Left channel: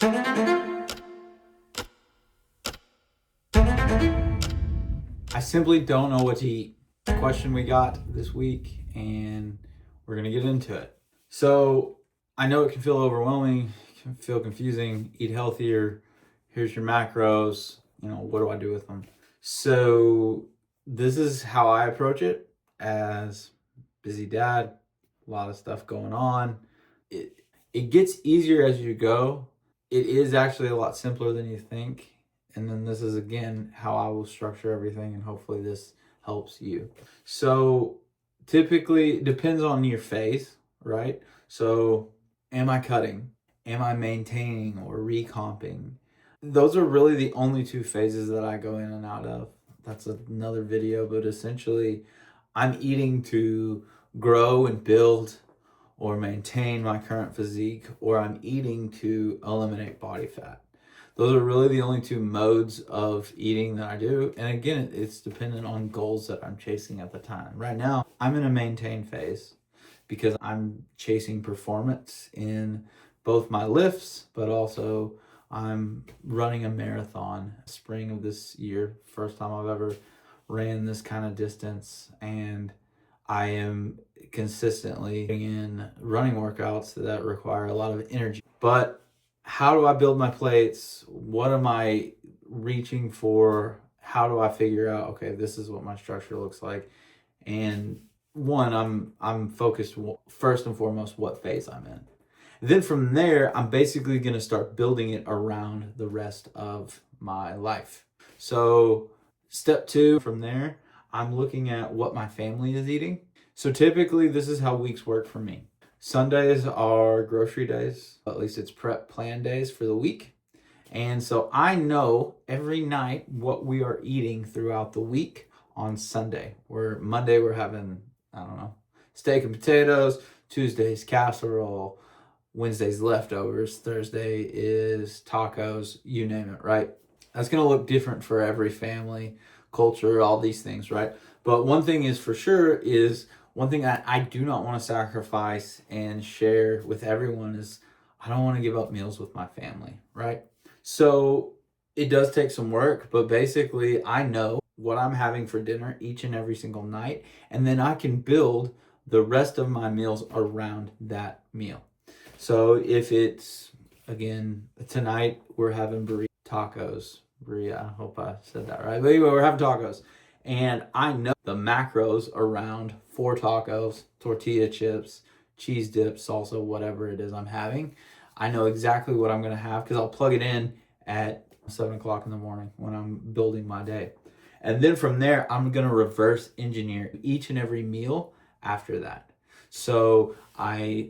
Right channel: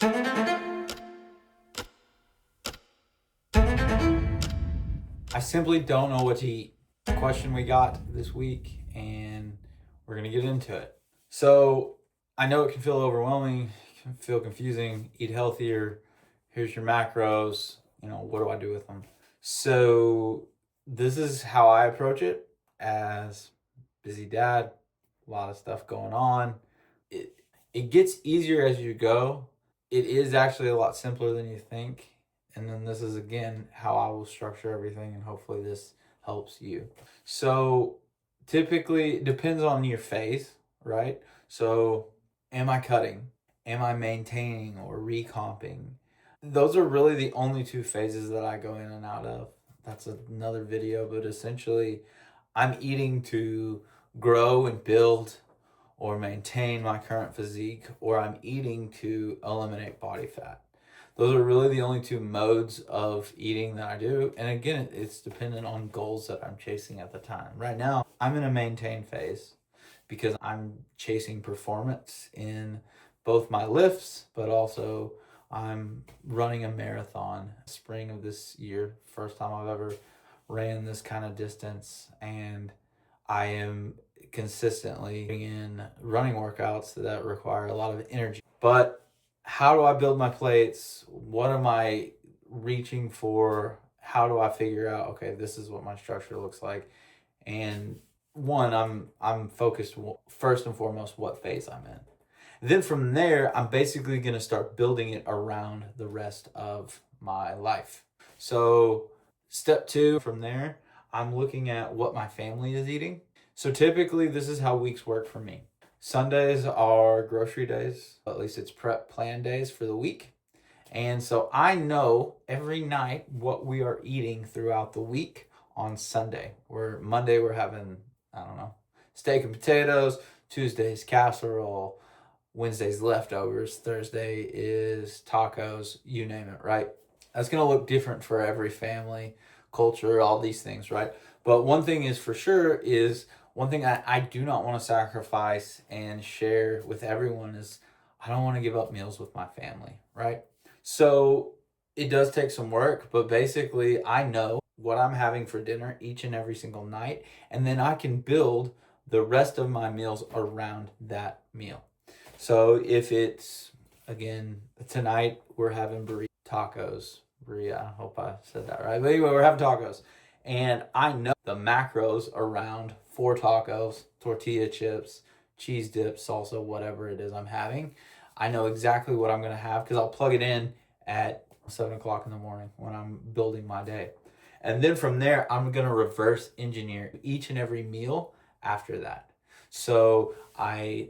I simply don't know what to eat. Question we got this week, and we're gonna get into it. So I know it can feel overwhelming, it can feel confusing. Eat healthier. Here's your macros. What do I do with them? So this is how I approach it as busy dad. A lot of stuff going on. It it gets easier as you go. It is actually a lot simpler than you think. And then this is again how I will structure everything, and hopefully this helps you. So typically it depends on your phase, right? So am I cutting? Am I maintaining or recomping? Those are really the only two phases that I go in and out of. That's another video, but essentially I'm eating to grow and build or maintain my current physique, or I'm eating to eliminate body fat. Those are really the only two modes of eating that I do. And again, it's dependent on goals that I'm chasing at the time. Right now, I'm in a maintain phase because I'm chasing performance in both my lifts, but also I'm running a marathon spring of this year. First time I've ever ran this kind of distance, and I am consistently in running workouts that require a lot of energy. But how do I build my plates? What am I reaching for? How do I figure out, okay, this is what my structure looks like? And one, I'm focused first and foremost what phase I'm in. Then from there, I'm basically going to start building it around the rest of my life. So step two from there, I'm looking at what my family is eating. So typically this is how weeks work for me. Sundays are grocery days, at least it's prep plan days for the week. And so I know every night what we are eating throughout the week on Sunday. Where Monday we're having, I don't know, steak and potatoes, Tuesday's casserole, Wednesday's leftovers, Thursday is tacos, you name it, right? That's going to look different for every family, culture, all these things, right? But one thing is for sure is one thing I do not want to sacrifice and share with everyone is I don't want to give up meals with my family, right? So it does take some work, but basically I know what I'm having for dinner each and every single night, and then I can build the rest of my meals around that meal. So if it's, again, tonight we're having tacos. I hope I said that right. But anyway, we're having tacos. And I know the macros around 4 tacos, tortilla chips, cheese dip, salsa, whatever it is I'm having. I know exactly what I'm going to have because I'll plug it in at 7 o'clock in the morning when I'm building my day. And then from there, I'm going to reverse engineer each and every meal after that. So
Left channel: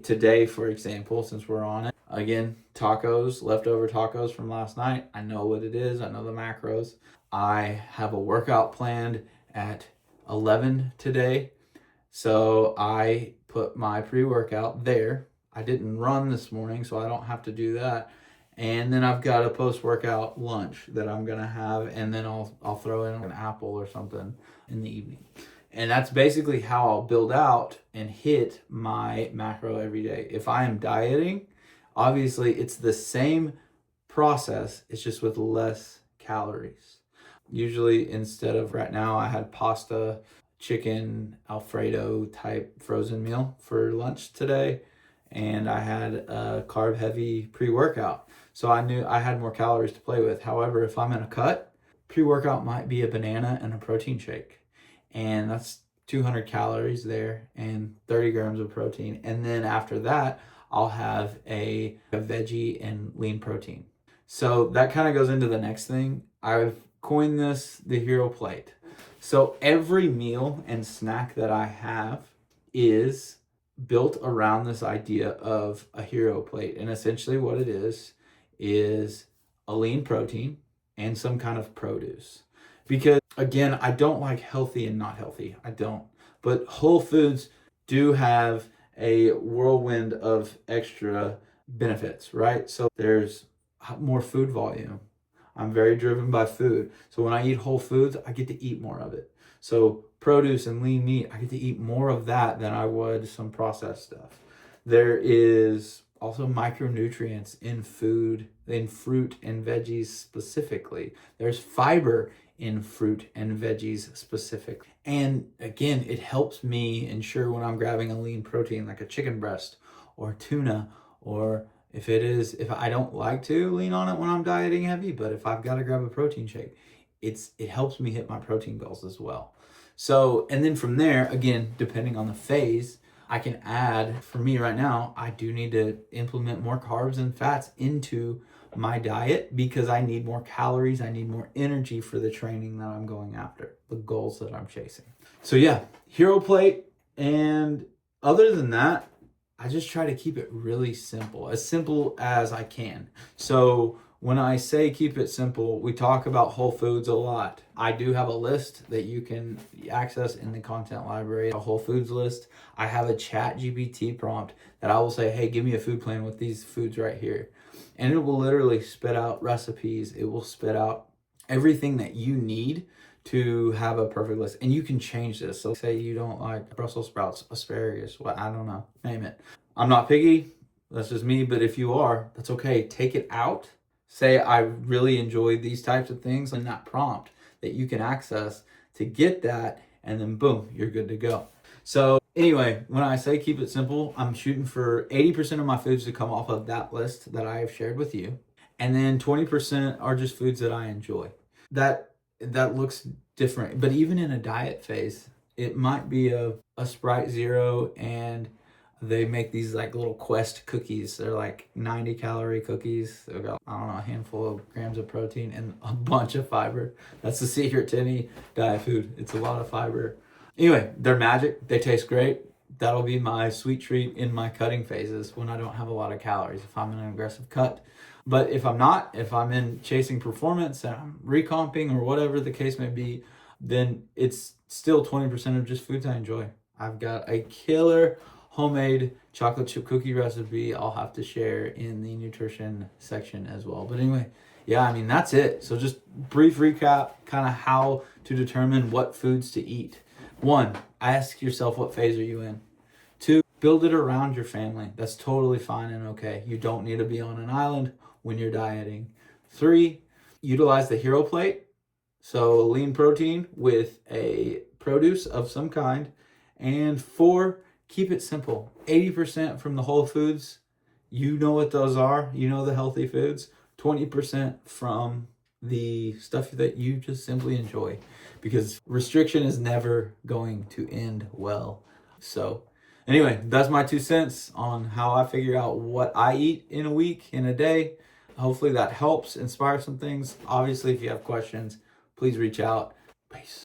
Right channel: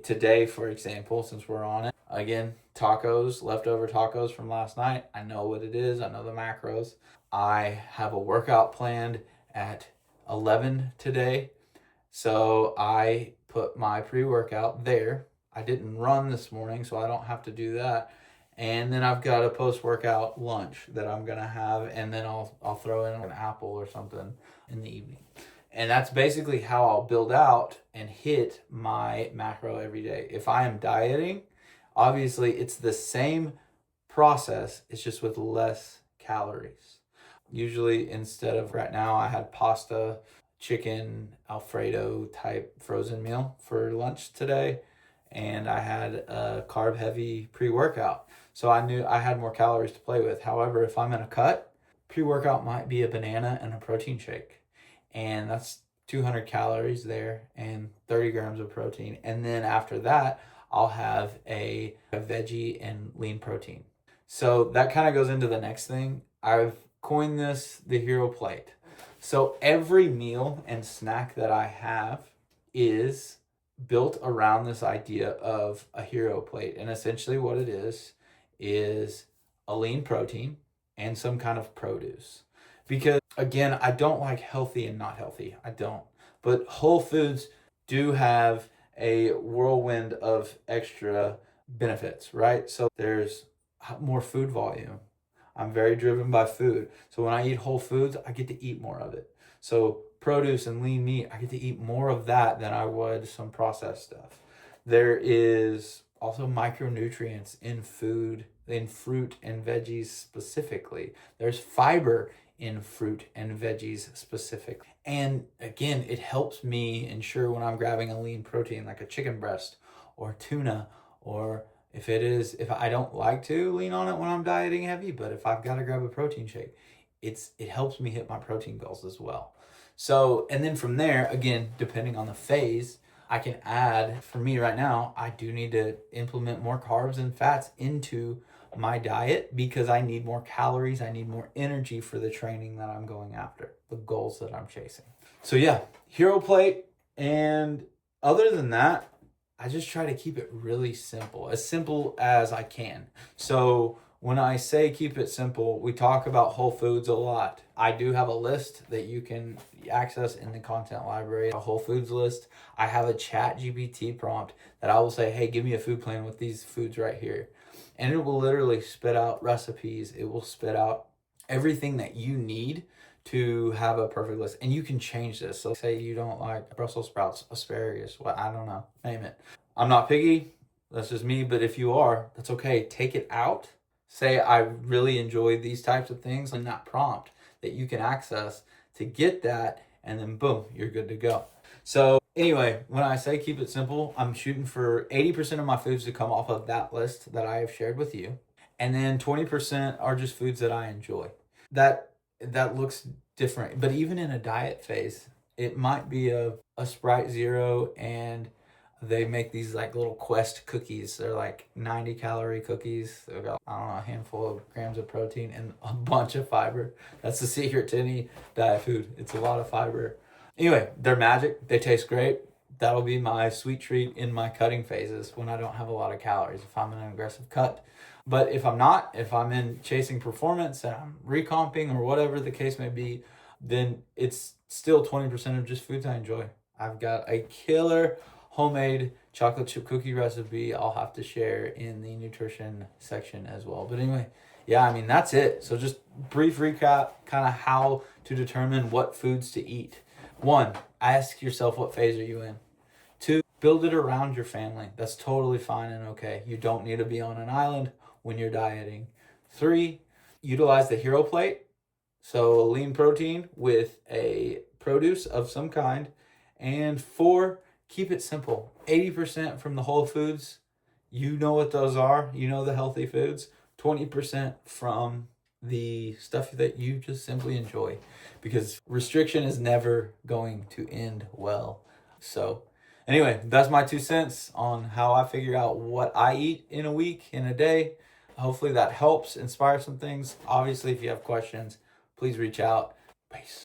today, for example, since we're on it, again, tacos, leftover tacos from last night. I know what it is. I know the macros. I have a workout planned at 11 today. So I put my pre-workout there. I didn't run this morning, so I don't have to do that. And then I've got a post-workout lunch that I'm gonna have, and then I'll throw in an apple or something in the evening. And that's basically how I'll build out and hit my macro every day. If I am dieting, obviously it's the same process, it's just with less calories. Usually instead of right now, I had pasta, chicken, Alfredo type frozen meal for lunch today. And I had a carb heavy pre-workout. So I knew I had more calories to play with. However, if I'm in a cut, pre-workout might be a banana and a protein shake. And that's 200 calories there and 30 grams of protein. And then after that, I'll have a veggie and lean protein. So that kind of goes into the next thing. I've coined this the hero plate. So every meal and snack that I have is built around this idea of a hero plate. And essentially what it is a lean protein and some kind of produce. Because again, I don't like healthy and not healthy. I don't. But Whole Foods do have a whirlwind of extra benefits, right? So there's more food volume. I'm very driven by food. So when I eat Whole Foods, I get to eat more of it. So produce and lean meat, I get to eat more of that than I would some processed stuff. There is also micronutrients in food, in fruit and veggies specifically. There's fiber in fruit and veggies specifically. And again, it helps me ensure when I'm grabbing a lean protein like a chicken breast or tuna, or if I don't like to lean on it when I'm dieting heavy, but if I've got to grab a protein shake, it helps me hit my protein goals as well. So, and then from there, again, depending on the phase, I can add, for me right now, I do need to implement more carbs and fats into my diet because I need more calories. I need more energy for the training that I'm going after, the goals that I'm chasing. So yeah, hero plate. And other than that, I just try to keep it really simple as I can. So when I say keep it simple, we talk about whole foods a lot. I do have a list that you can access in the content library, a whole foods list. I have a chat GPT prompt that I will say, hey, give me a food plan with these foods right here. And it will literally spit out recipes. It will spit out everything that you need to have a perfect list. And you can change this. So say you don't like Brussels sprouts, asparagus, what, I don't know, name it. I'm not picky, that's just me, but if you are, that's okay. Take it out. Say I really enjoy these types of things in that prompt that you can access to get that, and then boom, you're good to go. So anyway, when I say keep it simple, I'm shooting for 80% of my foods to come off of that list that I have shared with you. And then 20% are just foods that I enjoy. That looks different, but even in a diet phase, it might be a Sprite Zero, and they make these like little Quest cookies. They're like 90 calorie cookies. They've got, I don't know, a handful of grams of protein and a bunch of fiber. That's the secret to any diet food. It's a lot of fiber. Anyway, they're magic. They taste great. That'll be my sweet treat in my cutting phases when I don't have a lot of calories, if I'm in an aggressive cut. But if I'm not, if I'm in chasing performance and I'm recomping or whatever the case may be, then it's still 20% of just foods I enjoy. I've got a killer homemade chocolate chip cookie recipe I'll have to share in the nutrition section as well. But anyway, yeah, I mean, that's it. So just brief recap, kind of how to determine what foods to eat. 1, ask yourself, what phase are you in? 2, build it around your family. That's totally fine and okay. You don't need to be on an island when you're dieting. 3, utilize the hero plate. So lean protein with a produce of some kind. And 4, keep it simple. 80% from the whole foods. You know what those are. You know the healthy foods. 20% from the stuff that you just simply enjoy, because restriction is never going to end well. So anyway, that's my 2 cents on how I figure out what I eat in a week, in a day. Hopefully that helps inspire some things. Obviously, if you have questions, please reach out. Peace.